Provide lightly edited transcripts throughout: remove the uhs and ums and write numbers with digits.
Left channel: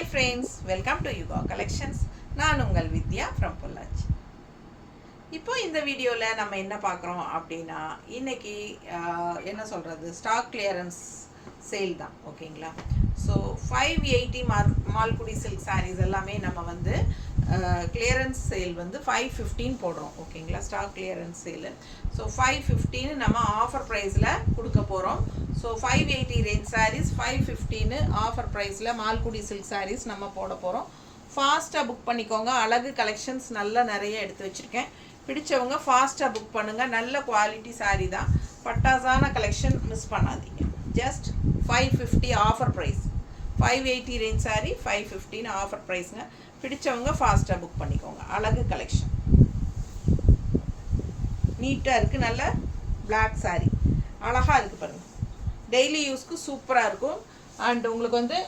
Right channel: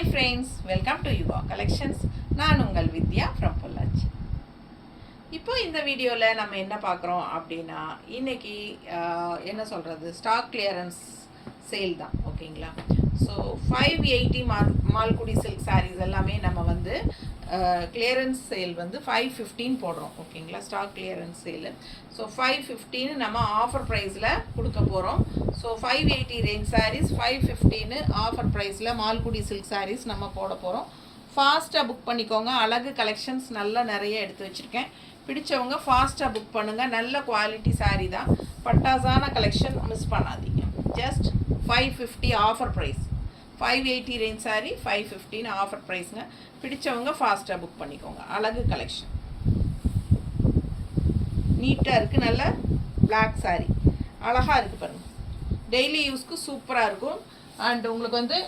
Hi friends, welcome to Yuva Collections. நான் உங்கள் வித்யா from Pollachi. இப்போ இந்த வீடியோவில் நம்ம என்ன பார்க்குறோம் அப்படின்னா இன்னைக்கு என்ன சொல்கிறது ஸ்டாக் கிளியரன்ஸ் சேல் தான் ஓகேங்களா. ஸோ 580 மால்குடி சில்க் சாரீஸ் எல்லாமே நம்ம வந்து கிளியரன்ஸ் சேல் வந்து 515 போடுறோம் ஓகேங்களா. ஸ்டாக் கிளியரன்ஸ் சேலு ஸோ 515 நம்ம ஆஃபர் ப்ரைஸில் கொடுக்க போகிறோம். ஸோ 580 ரேஞ்ச் சாரீஸ் 515 ஆஃபர் ப்ரைஸில் மால்குடி சில்க் சாரீஸ் நம்ம போட போகிறோம். ஃபாஸ்ட்டாக புக் பண்ணிக்கோங்க. அழகு கலெக்ஷன்ஸ் நல்லா நிறைய எடுத்து வச்சுருக்கேன். பிடிச்சவங்க ஃபாஸ்ட்டாக புக் பண்ணுங்கள். நல்ல குவாலிட்டி சாரீ தான், பட்டாசான கலெக்ஷன், மிஸ் பண்ணாதீங்க. Just 550 offer price. 580 range sari 515 offer ப்ரைஸுங்க. பிடிச்சவங்க ஃபாஸ்ட்டாக புக் பண்ணிக்கோங்க. அழகு கலெக்ஷன் நீட்டாக இருக்குது. நல்ல பிளாக் சாரீ அழகாக இருக்குது பாருங்கள். டெய்லி யூஸ்க்கு சூப்பராக இருக்கும். அண்ட் உங்களுக்கு வந்து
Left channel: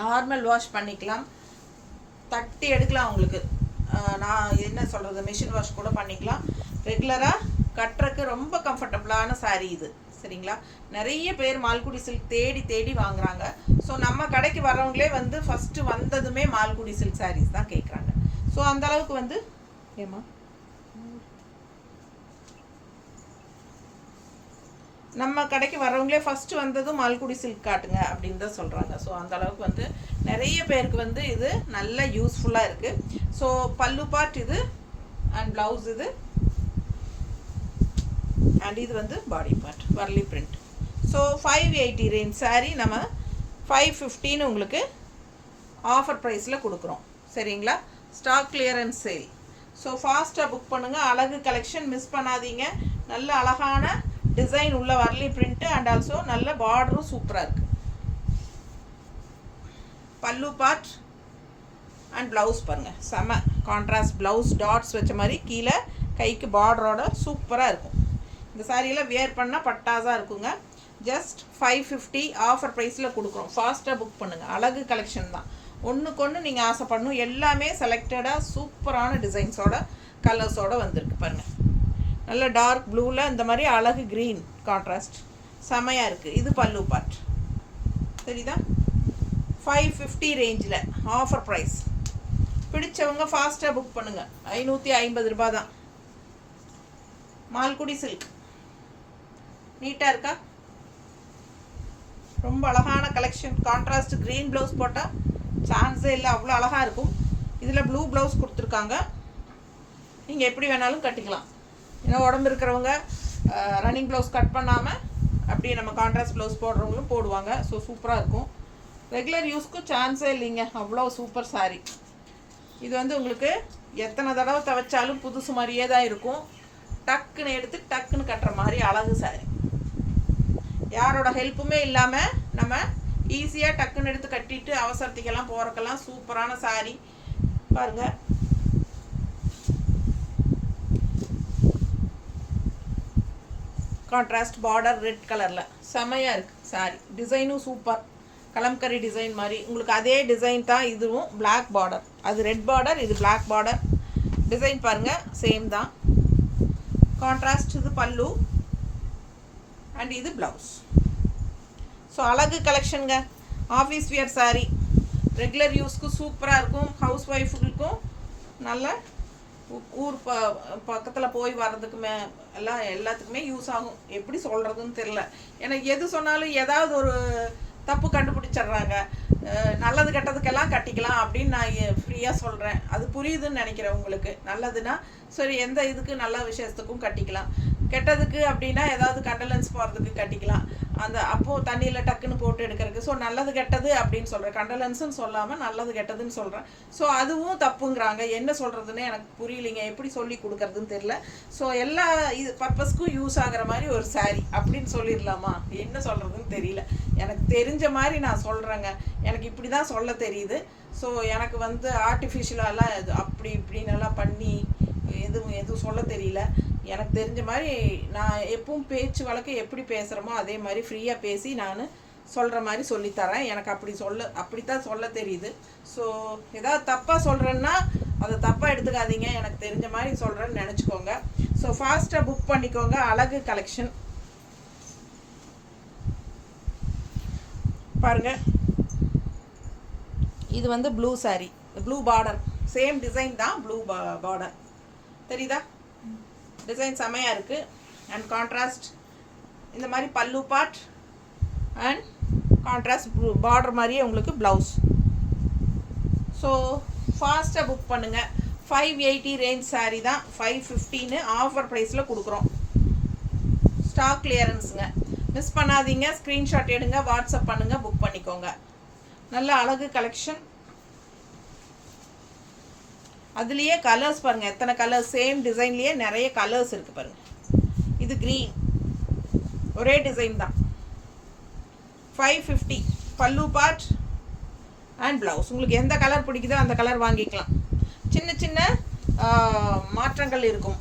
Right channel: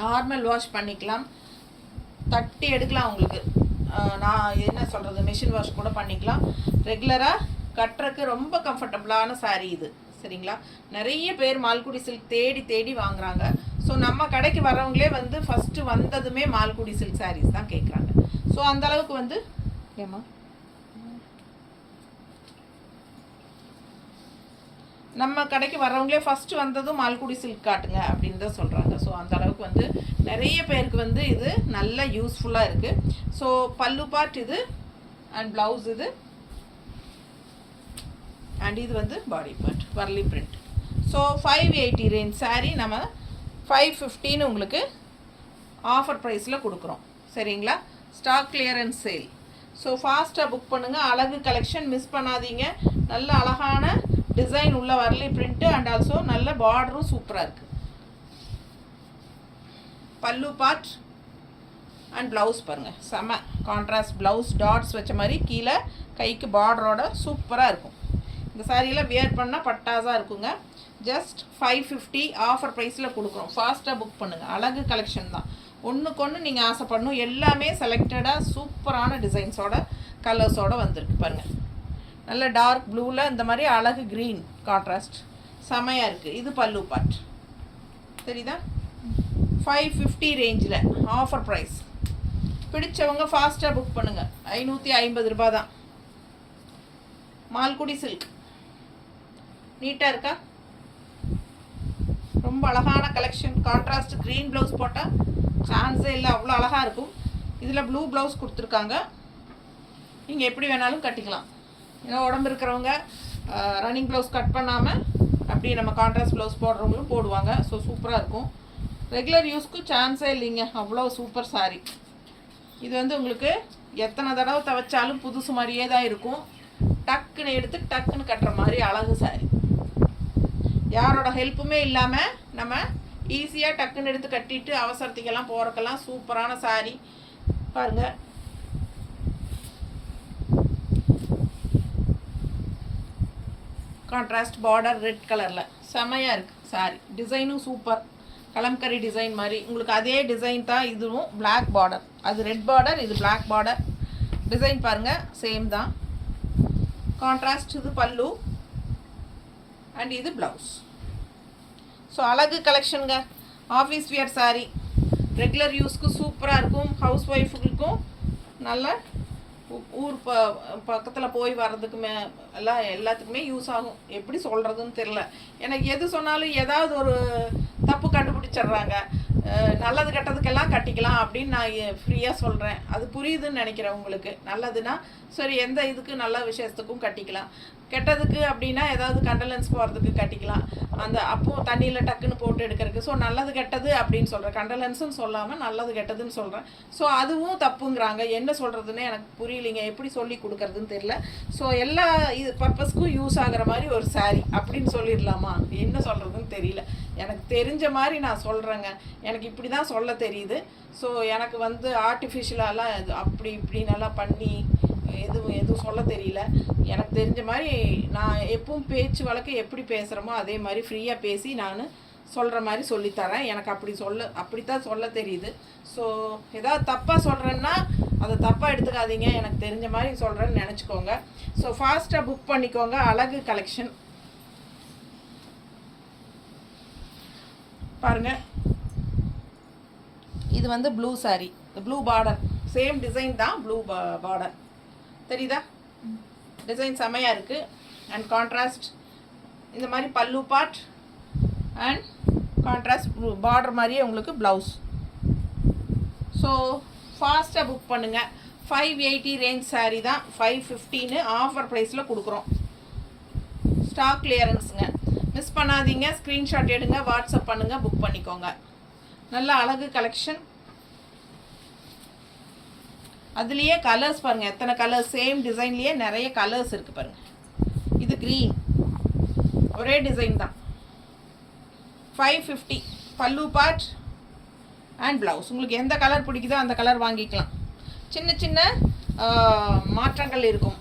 நார்மல் வாஷ் பண்ணிக்கலாம், தட்டி எடுக்கலாம். உங்களுக்கு நான் என்ன சொல்கிறது மிஷின் வாஷ் கூட பண்ணிக்கலாம். ரெகுலராக கட்டுறக்கு ரொம்ப கம்ஃபர்டபுளான சாரீ இது சரிங்களா. நிறைய பேர் மால்குடி சில்க் தேடி தேடி வாங்குறாங்க. ஸோ நம்ம கடைக்கு வரவங்களே வந்து ஃபஸ்ட்டு வந்ததுமே மால்குடி சில்க் சாரீஸ் தான் கேட்குறாங்க. ஸோ அந்தளவுக்கு வந்து ஏமா நம்ம கடைக்கு வரவங்களே ஃபஸ்ட்டு வந்ததும் மால்குடி சில்க் காட்டுங்க அப்படின்னு தான் சொல்கிறாங்க. ஸோ அந்தளவுக்கு வந்து நிறைய பேருக்கு வந்து இது நல்ல யூஸ்ஃபுல்லாக இருக்குது. ஸோ பல்லு பார்ட் இது அண்ட் ப்ளவுஸ் இது அண்ட் இது வந்து பாடி பார்ட் வர்லி பிரிண்ட். ஸோ 580 ரேஞ்ச் சாரீ நம்ம 515 உங்களுக்கு ஆஃபர் ப்ரைஸில் கொடுக்குறோம் சரிங்களா. Stock clearance sale. ஸோ ஃபாஸ்ட்டாக புக் பண்ணுங்கள். அழகு கலெக்ஷன் மிஸ் பண்ணாதீங்க. நல்ல அழகான டிசைன் உள்ள வர்லி பிரிண்ட்டு அண்ட் ஆல்சோ நல்ல பார்டரும் சூப்பராக இருக்குது. பல்லு பார்ட் அண்ட் ப்ளவுஸ் பாருங்கள், செம கான்ட்ராஸ்ட் ப்ளவுஸ், டாட்ஸ் வச்ச மாதிரி கீழே கைக்கு பார்டரோட சூப்பராக இருக்கும். இந்த சாரியெல்லாம் வியர் பண்ணால் பட்டாஸாக இருக்குங்க. ஜஸ்ட் 550 ஆஃபர் ப்ரைஸில் கொடுக்குறோம். ஃபாஸ்ட்டாக புக் பண்ணுங்கள். அழகு கலெக்ஷன் தான், ஒன்றுக்கு ஒன்று நீங்கள் ஆசைப்படணும். எல்லாமே செலக்டடாக சூப்பரான டிசைன்ஸோட கலர்ஸோடு வந்திருக்கு பாருங்கள். நல்ல டார்க் ப்ளூவில் இந்த மாதிரி அழகு க்ரீன் கான்ட்ராஸ்ட் செமையாக இருக்குது. இது பல்லு பார்ட் சரிதான். 550 ரேஞ்சில் ஆஃபர் ப்ரைஸ். பிடிச்சவங்க ஃபாஸ்ட்டாக புக் பண்ணுங்கள். 550 ரூபா தான். மால்குடி சில்க் நீட்டாக இருக்கா, ரொம்ப அழகான கலெக்ஷன். கான்ட்ராஸ்ட் க்ரீன் ப்ளவுஸ் போட்டால் சான்ஸே இல்லை, அவ்வளோ அழகாக இருக்கும். இதில் ப்ளூ ப்ளவுஸ் கொடுத்துருக்காங்க. நீங்கள் எப்படி வேணாலும் கட்டிக்கலாம். ஏன்னா உடம்பு இருக்கிறவங்க ரன்னிங் ப்ளவுஸ் கட் பண்ணாமல் அப்படியே நம்ம கான்ட்ராஸ்ட் ப்ளவுஸ் போடுறவங்களும் போடுவாங்க. ஸோ சூப்பராக இருக்கும். ரெகுலர் யூஸ்க்கு சான்ஸே இல்லைங்க, அவ்வளோ சூப்பர் சாரீ. இது வந்து உங்களுக்கு எத்தனை தடவை துவைச்சாலும் புதுசு மாதிரியே தான் இருக்கும். டக்குன்னு எடுத்து டக்குன்னு கட்டுற மாதிரி அழகு சாரீ. யாரோட ஹெல்ப்புமே இல்லாமல் நம்ம ஈஸியாக டக்குன்னு எடுத்து கட்டிட்டு அவசரத்துக்கெல்லாம் போகிறக்கெல்லாம் சூப்பரான சாரீ பாருங்கள். கான்ட்ராஸ்ட் பார்டர் ரெட் கலரில் செமையாக இருக்குது சாரீ. டிசைனும் சூப்பர், கலம்கரி டிசைன் மாதிரி. உங்களுக்கு அதே டிசைன் தான் இதுவும். பிளாக் பார்டர், அது ரெட் பார்டர், இது பிளாக் பார்டர். டிசைன் பாருங்கள் சேம் தான். கான்ட்ராஸ்ட் இது பல்லு அண்ட் இது ப்ளவுஸ். ஸோ அழகு கலெக்ஷனுங்க. ஆஃபீஸ் வியர் சாரீ, ரெகுலர் யூஸ்க்கு சூப்பராக இருக்கும். ஹவுஸ் ஒய்ஃபுக்கும் நல்ல ஊர் பக்கத்தில் போய் வர்றதுக்குமே எல்லாத்துக்குமே யூஸ் ஆகும். எப்படி சொல்கிறதுன்னு தெரில. எனக்கு எது சொன்னாலும் ஏதாவது ஒரு தப்பு கண்டுபிடிச்சிட்றாங்க. நல்லது கெட்டதுக்கெல்லாம் கட்டிக்கலாம் அப்படின்னு நான் ஃப்ரீயாக சொல்கிறேன். அது புரியுதுன்னு நினைக்கிறேன் உங்களுக்கு. நல்லதுன்னா சரி, எந்த இதுக்கு நல்ல விஷயத்துக்கும் கட்டிக்கலாம். கெட்டதுக்கு அப்படின்னா ஏதாவது கண்டலன்ஸ் போகிறதுக்கு கட்டிக்கலாம். அந்த அப்போது தண்ணியில் டக்குன்னு போட்டு எடுக்கிறதுக்கு. ஸோ நல்லது கெட்டது அப்படின்னு சொல்கிறேன், கண்டலன்ஸுன்னு சொல்லாமல் நல்லது கெட்டதுன்னு சொல்கிறேன். ஸோ அதுவும் தப்புங்கிறாங்க. என்ன சொல்கிறதுன்னு எனக்கு புரியலைங்க, எப்படி சொல்லி கொடுக்குறதுன்னு தெரியல. ஸோ எல்லா இது பர்பஸ்க்கும் யூஸ் ஆகிற மாதிரி ஒரு சாரீ அப்படின்னு சொல்லிடலாமா, என்ன சொல்கிறதுன்னு தெரியல. எனக்கு தெரிஞ்ச மாதிரி நான் சொல்கிறேங்க. எனக்கு இப்படி தான் சொல்ல தெரியுது. ஸோ எனக்கு வந்து ஆர்டிஃபிஷியலாலாம் அப்படி இப்படின்னெல்லாம் பண்ணி எதுவும் சொல்ல தெரியல. எனக்கு தெரிஞ்ச மாதிரி நான் எப்பவும் பேச்சு வழக்கு எப்படி பேசுகிறோமோ அதே மாதிரி ஃப்ரீயாக பேசி நான் சொல்கிற மாதிரி சொல்லித்தரேன். எனக்கு அப்படித்தான் சொல்ல தெரியுது. ஸோ ஏதாவது தப்பாக சொல்கிறேன்னா அதை தப்பாக எடுத்துக்காதீங்க. எனக்கு தெரிஞ்ச மாதிரி சொல்கிறேன்னு நினச்சிக்கோங்க. ஸோ ஃபாஸ்ட்டாக புக் பண்ணிக்கோங்க. அழகு கலெக்ஷன் பாருங்கள். இது வந்து blue sari, blue border, same design தான், ப்ளூ பார்டர் தெரியுதா? டிசைன் செமையாக இருக்குது. அண்ட் கான்ட்ராஸ்ட் இந்த மாதிரி பல்லு பார்ட் அண்ட் கான்ட்ராஸ்ட் பார்டர் மாதிரியே உங்களுக்கு ப்ளவுஸ். ஸோ ஃபாஸ்ட்டாக புக் பண்ணுங்கள். 580 ரேஞ்ச் சாரீ தான், 515 ஆஃபர் ப்ரைஸில் கொடுக்குறோம். ஸ்டாக் கிளியரன்ஸுங்க, மிஸ் பண்ணாதீங்க. ஸ்க்ரீன்ஷாட் எடுங்க, வாட்ஸ்அப் பண்ணுங்கள், புக் பண்ணிக்கோங்க. நல்ல அழகு கலெக்ஷன். அதுலேயே கலர்ஸ் பாருங்கள், எத்தனை கலர்ஸ், சேம் டிசைன்லேயே நிறைய கலர்ஸ் இருக்குது பாருங்கள். இது க்ரீன், ஒரே டிசைன் தான். 550 பல்லு பார்ட் அண்ட் ப்ளவுஸ். உங்களுக்கு எந்த கலர் பிடிக்குதோ அந்த கலர் வாங்கிக்கலாம். சின்ன சின்ன மாற்றங்கள் இருக்கும்.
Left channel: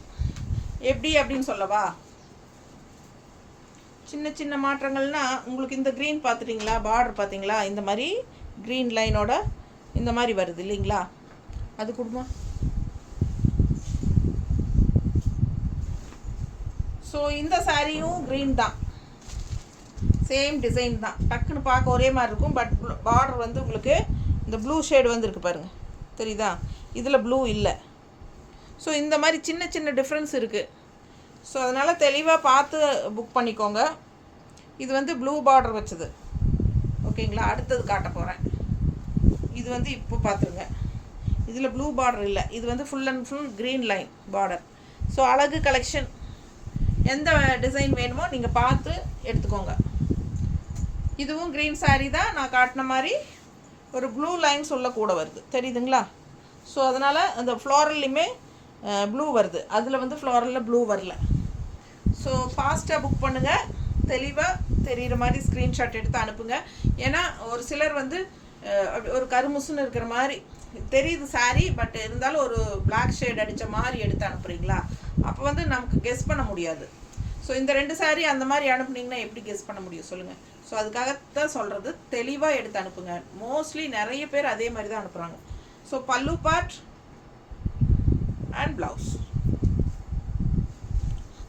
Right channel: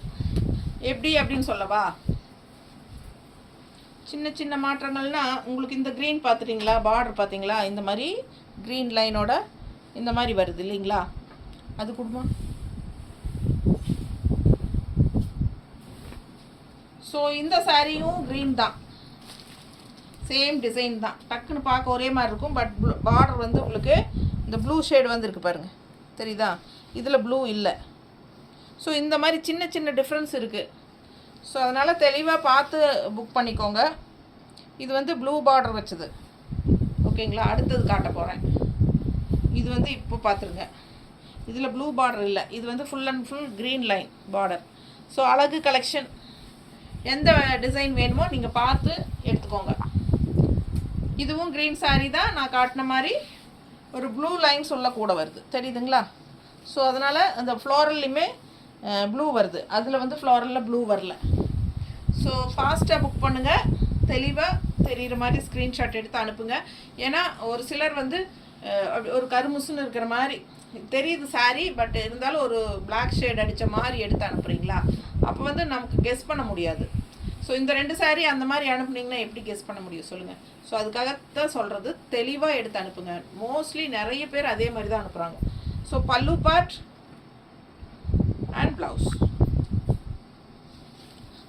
எப்படி அப்படின்னு சொல்லவா? சின்ன சின்ன மாற்றங்கள்னால் உங்களுக்கு இந்த க்ரீன் பார்த்துட்டிங்களா, பார்டர் பார்த்தீங்களா, இந்த மாதிரி க்ரீன் லைனோட இந்த மாதிரி வருது இல்லைங்களா, அது கொடுமா. ஸோ இந்த சாரியும் க்ரீன் தான், சேம் டிசைன் தான். டக்குன்னு பார்க்க ஒரே மாதிரி இருக்கும். பட் பார்டர் வந்து உங்களுக்கு இந்த ப்ளூ ஷேடு வந்துருக்கு பாருங்கள், தெரியுதா? இதில் ப்ளூ இல்லை. ஸோ இந்த மாதிரி சின்ன சின்ன டிஃப்ரென்ஸ் இருக்குது. ஸோ அதனால் தெளிவாக பார்த்து புக் பண்ணிக்கோங்க. இது வந்து ப்ளூ பார்டர் வச்சது, ஓகேங்களா? அடுத்தது காட்ட போகிறேன். இது வந்து இப்போ பார்த்துருங்க, இதில் ப்ளூ பார்டர் இல்லை, இது வந்து full and full green line border. So அழகு கலெக்ஷன். எந்த டிசைன் வேணுமோ நீங்கள் பார்த்து எடுத்துக்கோங்க. இதுவும் க்ரீன் சாரீ தான், நான் காட்டின மாதிரி ஒரு ப்ளூ லைன் சொல்ல கூட வருது, தெரியுதுங்களா? ஸோ அதனால் அந்த ஃப்ளோரல்லையுமே ப்ளூ வருது, அதில் வந்து ஃப்ளோரலில் ப்ளூ வரல. ஸோ ஃபாஸ்ட்டாக புக் பண்ணுங்கள். தெளிவாக தெரிகிற மாதிரி ஸ்க்ரீன்ஷாட் எடுத்து அனுப்புங்க. ஏன்னா ஒரு சிலர் வந்து ஒரு கருமுசுன்னு இருக்கிற மாதிரி தெரியுது சாரீ, பட் இருந்தாலும் ஒரு பிளாக் ஷேட் அடித்த மாதிரி எடுத்து அனுப்புகிறீங்களா, அப்போ வந்து நமக்கு கெஸ் பண்ண முடியாது. ஸோ இந்த 2 சாரீ அந்த மாதிரி அனுப்புனீங்கன்னா எப்படி கெஸ் பண்ண முடியும் சொல்லுங்கள்? ஸோ அதுக்காகத்தான் சொல்கிறது, தெளிவாக எடுத்து அனுப்புங்க. மோஸ்ட்லி நிறைய பேர் அதே மாதிரி தான் அனுப்புகிறாங்க. ஸோ பல்லு பார்ட் அண்ட் ப்ளவுஸ்.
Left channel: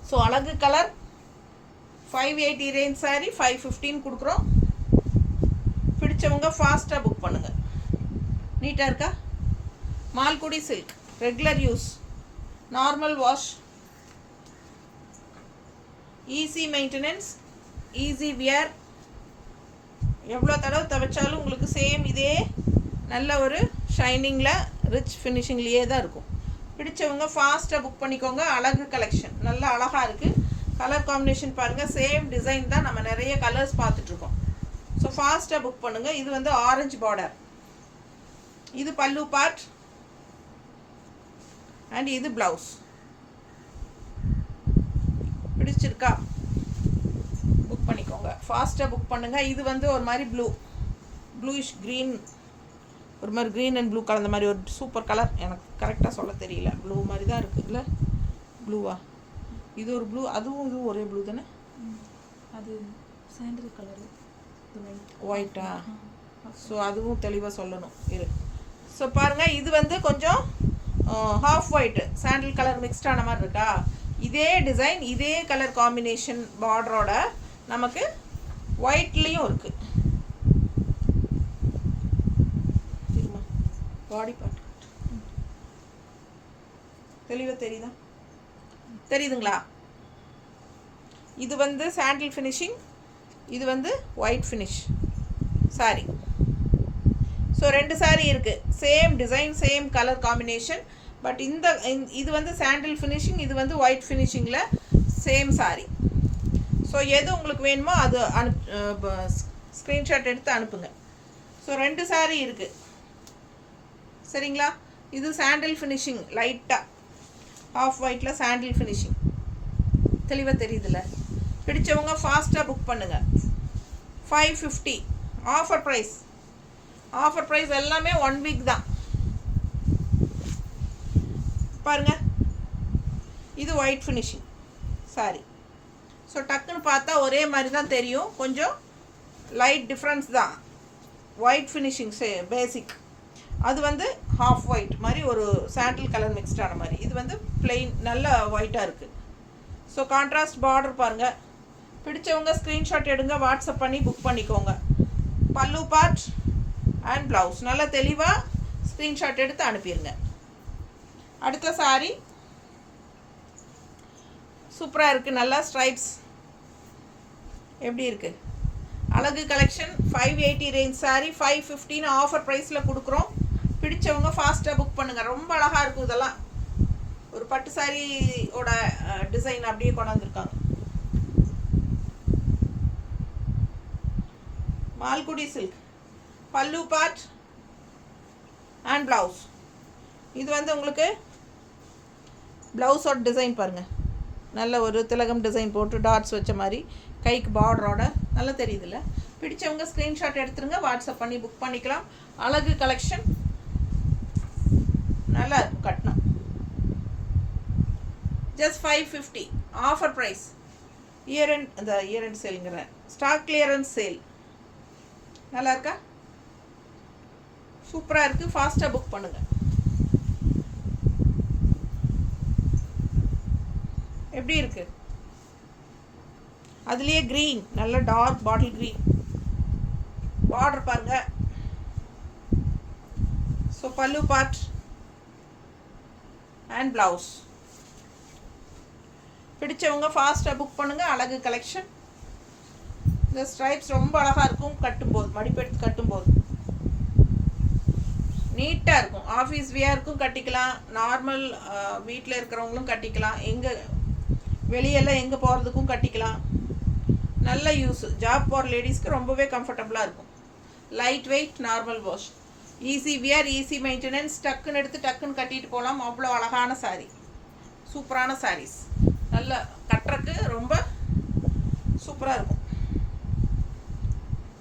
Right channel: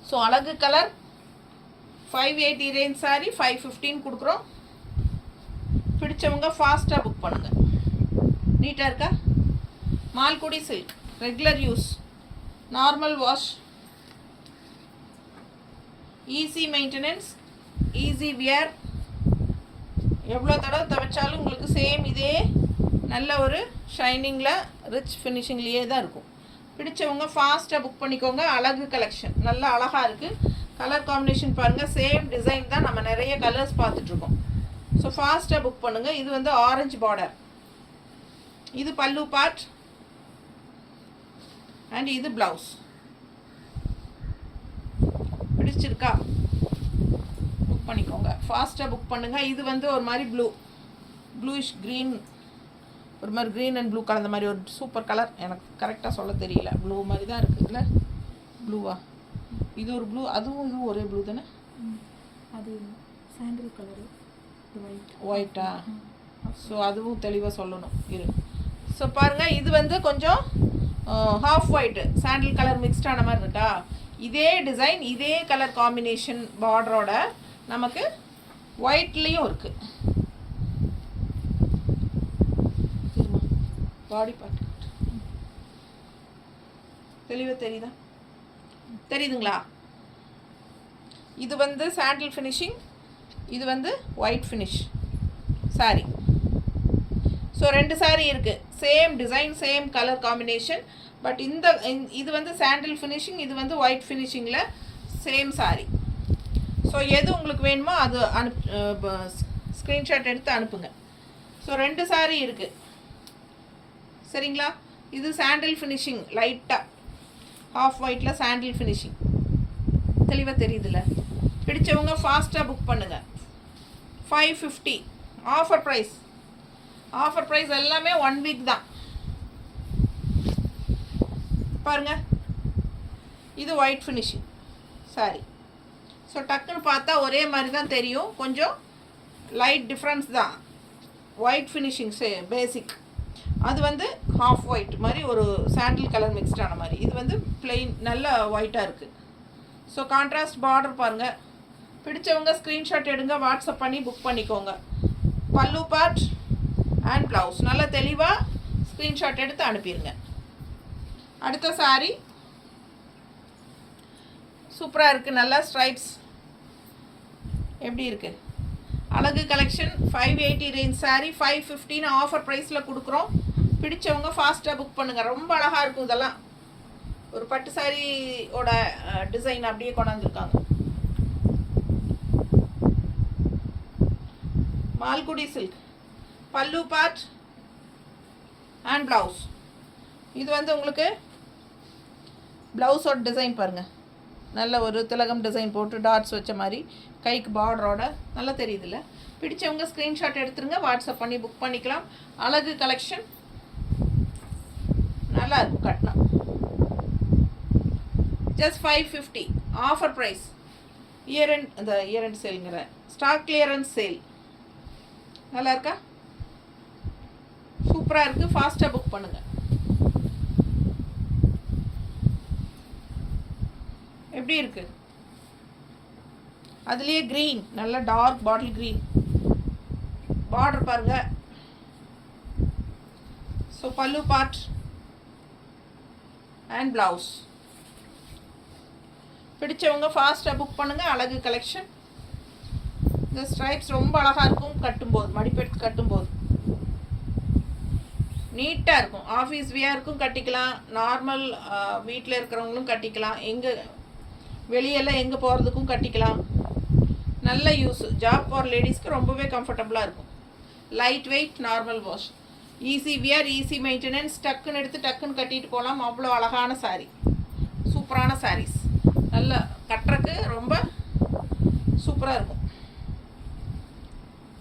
ஸோ அழகு கலர். 580 ரேஞ்ச் சாரீ 515 கொடுக்குறோம். பிடிச்சவங்க ஃபாஸ்ட்டாக புக் பண்ணுங்கள். நீட்டாக இருக்கா? Malgudi silk, regular use, normal wash, easy maintenance, easy wear. எவ்வளோ தடவை துவைச்சாலும் உங்களுக்கு சேம் இதே நல்ல ஒரு ஷைனிங்கில் ரிச் ஃபினிஷிங்லேயே தான் இருக்கும். பிடிச்சவங்க ஃபாஸ்ட்டாக புக் பண்ணிக்கோங்க. அழகு கலெக்ஷன், நல்லா அழகாக இருக்குது. கலர் காம்பினேஷன் பாருங்கள், சேம் டிசைன் தான், நம்ம நிறைய கலர்ஸ் பார்த்துட்ருக்கோம். ஸோ ஃபாஸ்ட்டாக புக் பண்ணுங்கள். இது வந்து ஆரஞ்சு பார்டர், இது பல்லு பார்ட் அண்ட் இது ப்ளவுஸ். பிடிச்சிருக்கா? புக் பண்ணிக்கோங்க, ஃபாஸ்ட்டாக புக் பண்ணுங்கள். இது வந்து ஒரு மாதிரி ப்ளூயிஷ் க்ரீன், ஒரு மாதிரி க்ரீன் அண்ட் ப்ளூ கலந்த மாதிரி ஒரு சூப்பர் கலர். எனக்கு கரெக்டாக சொல்ல தெரியல, ப்ளூ மாதிரி தான் இருக்குது. இல்லை ப்ளூவா? இது ஒரு ப்ளூ, அதுவும் இதுவும் ஒரே ப்ளூ தானே? அது சாண்டில் கலரு, ஒயிட்டா? ஸோ அதுவும் தெளிவாக சொல்லணும் இரு. ஸோ பாருங்கள், இது வந்து கொஞ்சம் ஹாஃப் ஒயிட்டு சாண்டில் கலர் மிக்ஸ்ட் ஆன மாதிரி இருக்கா? இதே டிசைன், இதே கலர் காம்பினேஷன் பார்டரோட நமக்கு ஒயிட்லேயும் இருக்குது. பாடி பார்ட் தெளிவாக தெரியுதா? தெரியுதுங்களா? இது வந்து சாண்டில் ஃபினிஷிங், இது வந்து white finish sari. So 2 sari இருக்குது, same design, same colour combination. But இது வந்து சாண்டில் ஃபினிஷிங், இது வந்து ஒயிட் ஃபினிஷிங்கில் சேம் சாரீ. ஸோ எது உங்களுக்கு வேணுமோ அது ஸ்க்ரீன்ஷாட் எடுத்து அனுப்புங்க. ஸோ 2 சாரீ இருக்குது, சரிங்களா? இது சாண்டில் ஃபினிஷிங், லைட்டாக ஆஃப் ஒயிட்டில் சாண்டில் ஃபினிஷிங், தெளிவாக தெரியுதுல்ல? பிடிச்சவங்க ஃபாஸ்ட்டாக புக் பண்ணுங்கள். 550 ஆஃபர் ப்ரைஸ். ஆஃபர் ப்ரைஸ் எல்லாமே 1 வீக் தான். பாருங்கள், இது ஒயிட் ஃபினிஷிங் சாரி. ஸோ டக்குன்னு பார்த்தா ஒரே மாதிரி தான் தெரியும், கொஞ்சம் லைட் டிஃப்ரென்ஸ் தான். ஒயிட் ஃபினிஷிங் பேசிக், அது வந்து ஹாஃப் ஒயிட் மாதிரி ஒரு சாண்டில் கலர் மிக்ஸ்டான மாதிரி. இது வந்து பிளெயின், நல்ல ஒயிட்டாக இருக்குது. ஸோ கான்ட்ராஸ்ட் பார்டர் பாருங்கள். பிடிச்சவங்க ஸ்க்ரீன்ஷாட் எடுங்க, வாட்ஸ்அப் பண்ணி புக் பண்ணிக்கோங்க. பல்லு பார்ட் அண்ட் ப்ளவுஸ். நல்லா தெளிவாக ஸ்க்ரீன்ஷாட் எடுத்து அனுப்பிடுங்க. அடுத்த சாரி சூப்பராக இருக்குது. நல்லா ஸ்ட்ரைப்ஸ் எப்படி இருக்குது, அழகு கலெக்ஷன். 580 ரேஞ்ச் சாரி 550 ஆஃபர் ப்ரைஸில் கொடுக்குறோம். பிடிச்சவங்க ஃபாஸ்ட்டாக புக் பண்ணுங்கள். ரொம்ப அழகாக இருக்கும். இதெல்லாம் ஒரு பட்டு சாரியோட டிசைன் அப்படியே கொண்டாந்துருக்காங்க. மால்குடி சில்க் பல்லு பார்ட் அண்ட் ப்ளவுஸ். இது வந்து உங்களுக்கு ப்ளவுஸோட டிசைன் பாருங்கள். நல்ல ஒரு திலகம் டிசைன் போட்டு டாட்ஸ் வச்ச மாதிரி கைக்கு பார்டரோட நல்லா தெரியுதுல்ல. பிடிச்சவங்க ஸ்க்ரீன்ஷாட் எடுத்துருங்க, வாட்ஸ்அப் பண்ணி புக் பண்ணிக்கலாம். அழகு கலெக்ஷன் நல்லா இருக்கும். கட்டினா just 550 offer price. Year end சேலுங்கிற ஸ்டாக் கிளியரன்ஸ் சேல். நல்லா இருக்கா, சூப்பராக இருக்குது. ஃபாஸ்ட்டாக புக் பண்ணுங்கள். எப்படி இருக்குது, அதுலேயே க்ரீன், நல்ல டார்க் பாட்டில் க்ரீன் பார்டர் பாருங்கள். ஸோ பல்லு பார்ட் அண்ட் ப்ளவுஸ். பிடிச்சவங்க ஃபாஸ்ட்டாக புக் பண்ணுங்கள். அழகு கலெக்ஷன். இந்த ஸ்ட்ரைப்ஸ் ரொம்ப அழகாக இருக்கும். கட்டும்போது மடிப்பெடுத்து கட்டும்போது நீட்டாக இருக்கும். ஆஃபீஸ் வியருக்கும் கட்டிக்கலாம், நார்மல் வீட்டில் இருக்கிறவங்களும் கட்டிக்கலாம், எங்கே வெளியெல்லாம் எங்கே போகிறதுக்கும் கட்டிக்கலாம். நல்ல யூஸ். ஜாப் போகிற லேடிஸ்க்கு ரொம்பவே கம்ஃபர்டபுளாக இருக்கும். Light weight, normal wash, easy wear, easy maintenance. டக்குன்னு எடுத்து டக்குன்னு கட்டிட்டு போகலாம். அவ்வளோ அழகான சாரீ, சூப்பரான சாரீஸ். நல்ல கட்டுறக்கு ரொம்ப சூப்பராக இருக்கும்.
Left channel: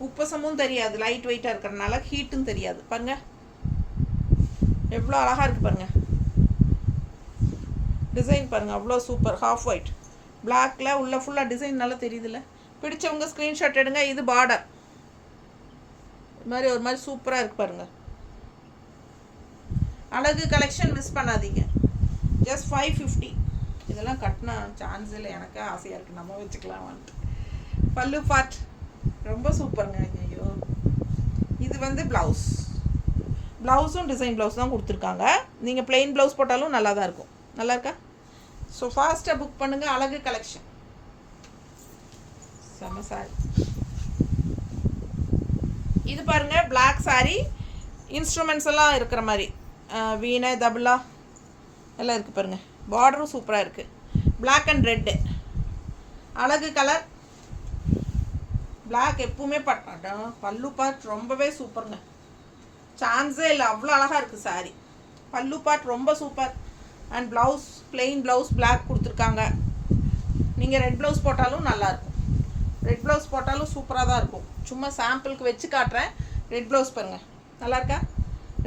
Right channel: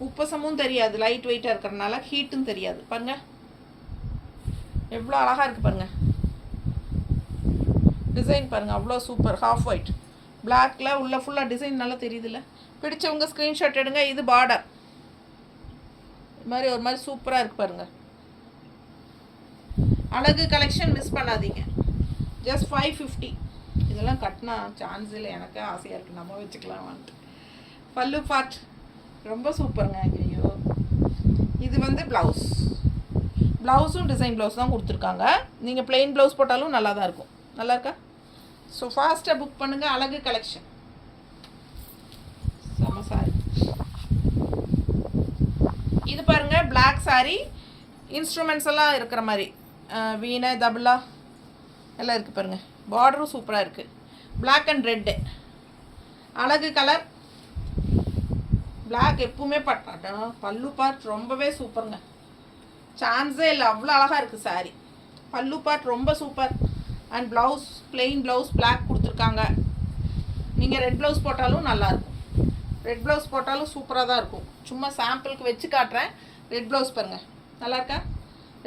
உப்பசமும் தெரியாது, லைட் வெயிட்டாக இருக்கிறதுனால ஹீட்டும் தெரியாது. பாருங்கள் எவ்வளோ அழகாக இருக்குது பாருங்கள். டிசைன் பாருங்கள், அவ்வளோ சூப்பர். ஹாஃப் ஒயிட் பிளாக்ல உள்ள ஃபுல்லாக டிசைன் நல்லா தெரியுதுல்ல. பிடிச்சவங்க ஸ்க்ரீன்ஷாட் எடுங்க. இது பார்டர் இது மாதிரி ஒரு மாதிரி சூப்பராக இருக்குது பாருங்கள். அழகு கலெக்ஷன் மிஸ் பண்ணாதீங்க. ஜஸ்ட் 550. இதெல்லாம் கட்டினா சான்ஸ் இல்லை. எனக்கு ஆசையாக இருக்குது, நம்ம வச்சுக்கலாம் வந்துட்டு. பல்லு பார்ட் ரொம்ப சூப்பருங்க. ஐயோ, இது வந்து ப்ளவுஸ். ப்ளவுஸும் டிசைன் ப்ளவுஸ் தான் கொடுத்துருக்காங்க. நீங்கள் ப்ளெயின் ப்ளவுஸ் போட்டாலும் நல்லா தான் இருக்கும். நல்லா இருக்கா? ஸோ ஃபாஸ்ட்டாக புக் பண்ணுங்கள். அழகு கலெக்ஷன் செம்ம சாரி. இது பாருங்கள், பிளாக் சாரி. இன்ஸ்ட்ருமெண்ட்ஸ் எல்லாம் இருக்கிற மாதிரி வீணை தபலா எல்லாம் இருக்குது பாருங்கள். பார்டரும் சூப்பராக இருக்குது. பிளாக் அண்ட் ரெட்டு அழகு கலர். பிளாக் எப்பவுமே பட்டாட்டம். பல்லு பார்ட் ரொம்பவே சூப்பருங்க, சான்ஸே இல்லை. அவ்வளோ அழகாக இருக்குது சாரி. பல்லு பார்ட் ரொம்ப super. And blouse plain blouse black கொடுத்துருக்காங்க. நீங்கள் ரெட் ப்ளவுஸ் போட்டாலும் நல்லாயிருக்கும். ரெட் ப்ளவுஸ் போட்டாலும் சூப்பராக தான் இருக்கும். சும்மா சாம்பிளுக்கு வச்சு காட்டுறேன். ரெட் ப்ளவுஸ் பாருங்கள், நல்லா இருக்கா?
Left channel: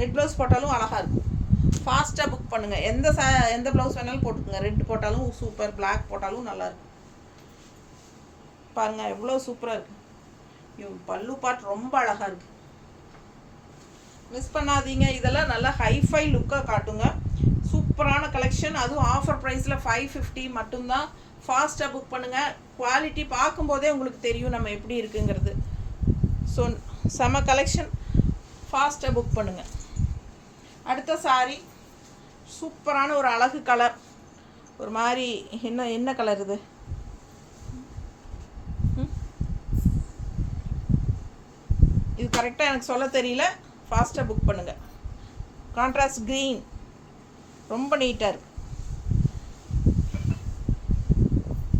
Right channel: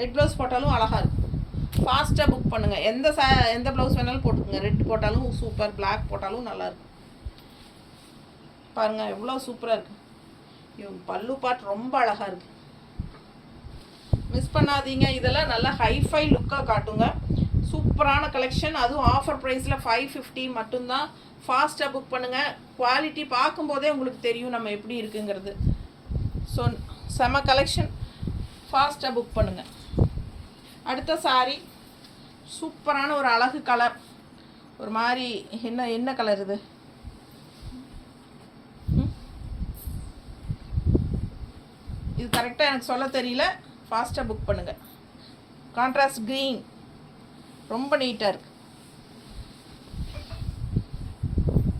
ரெட் ப்ளவுஸ் போட்டாலும் அழகாக இருக்கும். ஃபாஸ்ட்டாக புக் பண்ணுங்கள். எந்த ப்ளவுஸ் வேணாலும் போட்டுக்கோங்க. ரெட் போட்டாலும் சூப்பர், பிளாக் போட்டாலும் நல்லாயிருக்கும். பாருங்கள் எவ்வளோ சூப்பராக இருக்குது. பல்லு பார்ட் ரொம்ப அழகாக இருக்குது. மிஸ் பண்ணாதீங்க. இதெல்லாம் நல்லா ஹைஃபை லுக்காக காட்டுங்க. சூப்பரான கலெக்ஷன். அதுவும் ஆஃபர் ப்ரைஸில் 550 மட்டும்தான். ஃபாஸ்ட்டாக புக் பண்ணுங்கள். குவாலிட்டி பார்க்கும்போதே உங்களுக்கு தெரியும் நம்ம எப்படி இருக்குங்கிறது. ஸோ செம கலெக்ஷன். ஃபாஸ்ட்டாக புக் பண்ணுங்கள். அடுத்த சாரி சூப்பரான ஒரு அழகு கலர். ஒரு மாதிரி என்ன கலர் இது? இது கரெக்டாக எனக்கு சொல்ல தெரியல. ஃபாஸ்ட்டாக புக் பண்ணுங்கள். கான்ட்ராஸ்ட் க்ரீன் ரொம்ப நீட்டாக இருக்குது.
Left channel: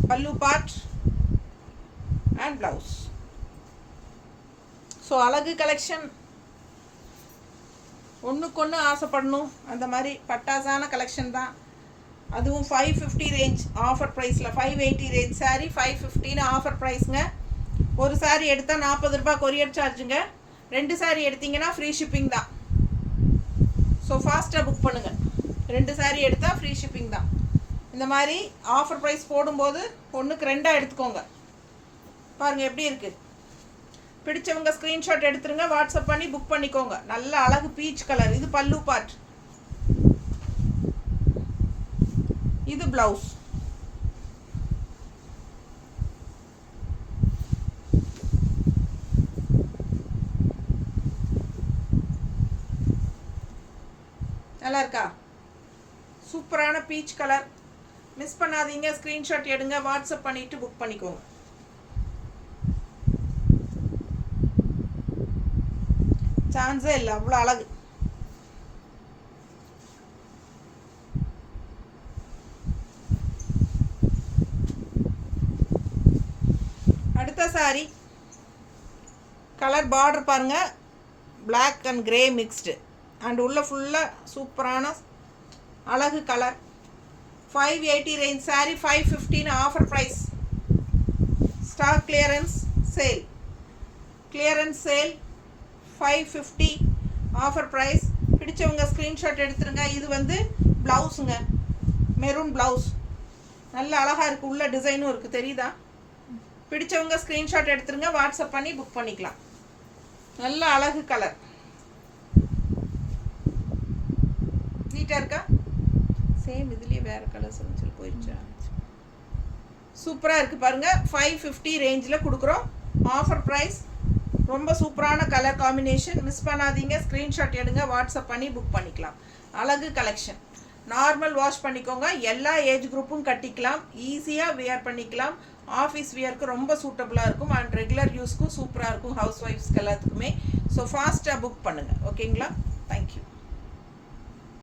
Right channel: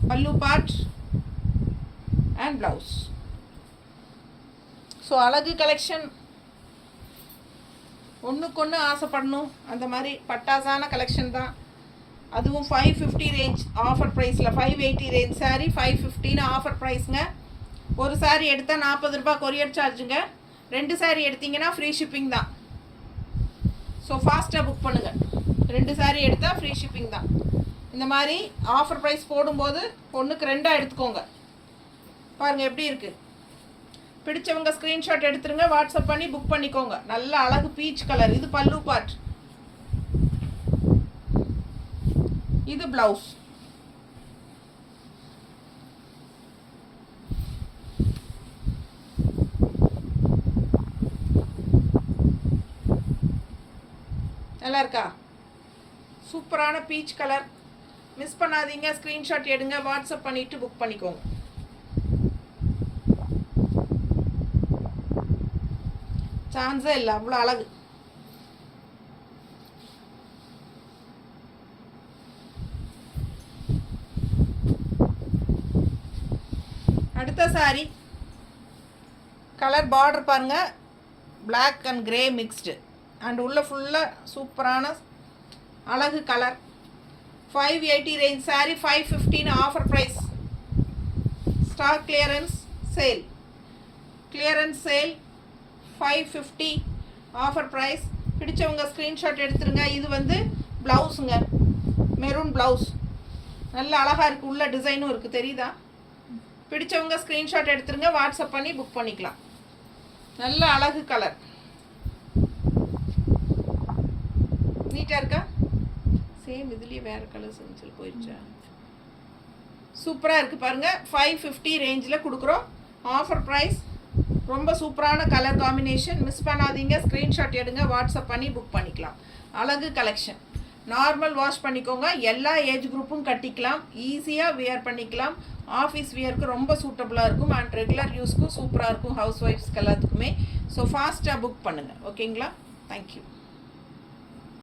பல்லு பார்ட் அண்ட் ப்ளவுஸ். ஸோ அழகு கலெக்ஷன். ஒன்றுக்கொன்று ஆசைப்படணும் அந்த மாதிரி பட்டாசான கலெக்ஷன் தான். அதுவும் 550 ரேஞ்ச் ஆஃபர் ப்ரைஸில். 580 ரேஞ்ச் சாரீ 550 ஆஃபர் ப்ரைஸுங்க. ஒரு சாரீ எடுத்தால் 40 ரூபா கொரியர் சார்ஜுங்க. 2 சாரீ எடுத்திங்கன்னா ஃப்ரீ ஷிப்பிங் தான். ஸோ ஃபாஸ்ட்டாக புக் பண்ணுங்கள். 2 சாரீ எடுத்தால் ஃப்ரீ ஷிப்பிங் தான். இந்த மாதிரி ஆஃபர் ப்ரைஸ் போடும்போது 1க்கு 2 எடுத்துக்கோங்க. பாருங்கள் எப்படி இருக்குது. பிடிச்சவங்க ஸ்க்ரீன்ஷாட் எடுத்துருங்க, வாட்ஸ்அப் பண்ணி புக் பண்ணிக்கோங்க. நல்ல அழகு பீச் கலர். இது பல்லு பார்ட், இது ப்ளவுஸ். நல்லா இருக்கா? சூப்பரான பீச் கலர். மிஸ் பண்ணாதீங்க, ஸ்க்ரீன்ஷாட் எடுங்க, வாட்ஸ்அப் பண்ணிவிட்டு புக் பண்ணிக்கோங்க. சான்ஸே இல்லை, அவ்வளோ அழகு. அடுத்த சாரி கலர் பார்டர் பாருங்கள், black and grey mixed and உள்ள ஃபுல்லாக சூப்பரான அழகு colour. 580 range sari, 515 offer price. Stock clearance sale, clearance sale 550 offer price. பிடிச்சவங்க ஸ்க்ரீன்ஷாட் எடுத்துருங்க. இது வந்து ப்ளவுஸுங்க, மெரூன் ப்ளவுஸ், நல்ல அழகாக இருக்குது, உள்ள டிசைனும் இருக்குது, தெரியுதா? பிடிச்சவங்க ஸ்க்ரீன்ஷாட் எடுத்துருங்க, வாட்ஸ்அப் பண்ணி புக் பண்ணிக்கலாம். நல்ல அழகு கலர், நீட்டாக இருக்கா? சேம் இதுலேயே வேறு கலர்ஸ் சொல்லி போயிடுச்சா? சூப்பராக இருக்குது பாருங்கள். 550 ரேஞ்சில் கொடுக்குறோம், ஆஃபர் ப்ரைஸ். ரொம்ப சூப்பரான கலர் காம்பினேஷன். மிஸ் பண்ணாதீங்க, ஸ்க்ரீன்ஷாட் எடுங்க, வாட்ஸ்அப் பண்ணி புக் பண்ணிக்கலாம். அழகு கலெக்ஷன். நார்மல் வாஷ் பண்ணிக்கோங்க, எல்லா ஏஜ் குரூப்பும் கட்டிக்கலாம், ஈஸியாக வியர் பண்ணிக்கலாம். ஆஃபீஸ் வியருக்கு ரொம்ப சூட்டபுளாக இருக்கும் அண்ட் ரெகுலர் யூஸ்க்கும் சூப்பராக இருக்கும், ஹவுஸ் ஒய்ஃப்ஸ்க்கு எல்லாத்துக்குமே. ஸோ ஃபாஸ்ட்டாக புக் பண்ணுங்கள், ஓகேங்களா? தேங்க்யூ.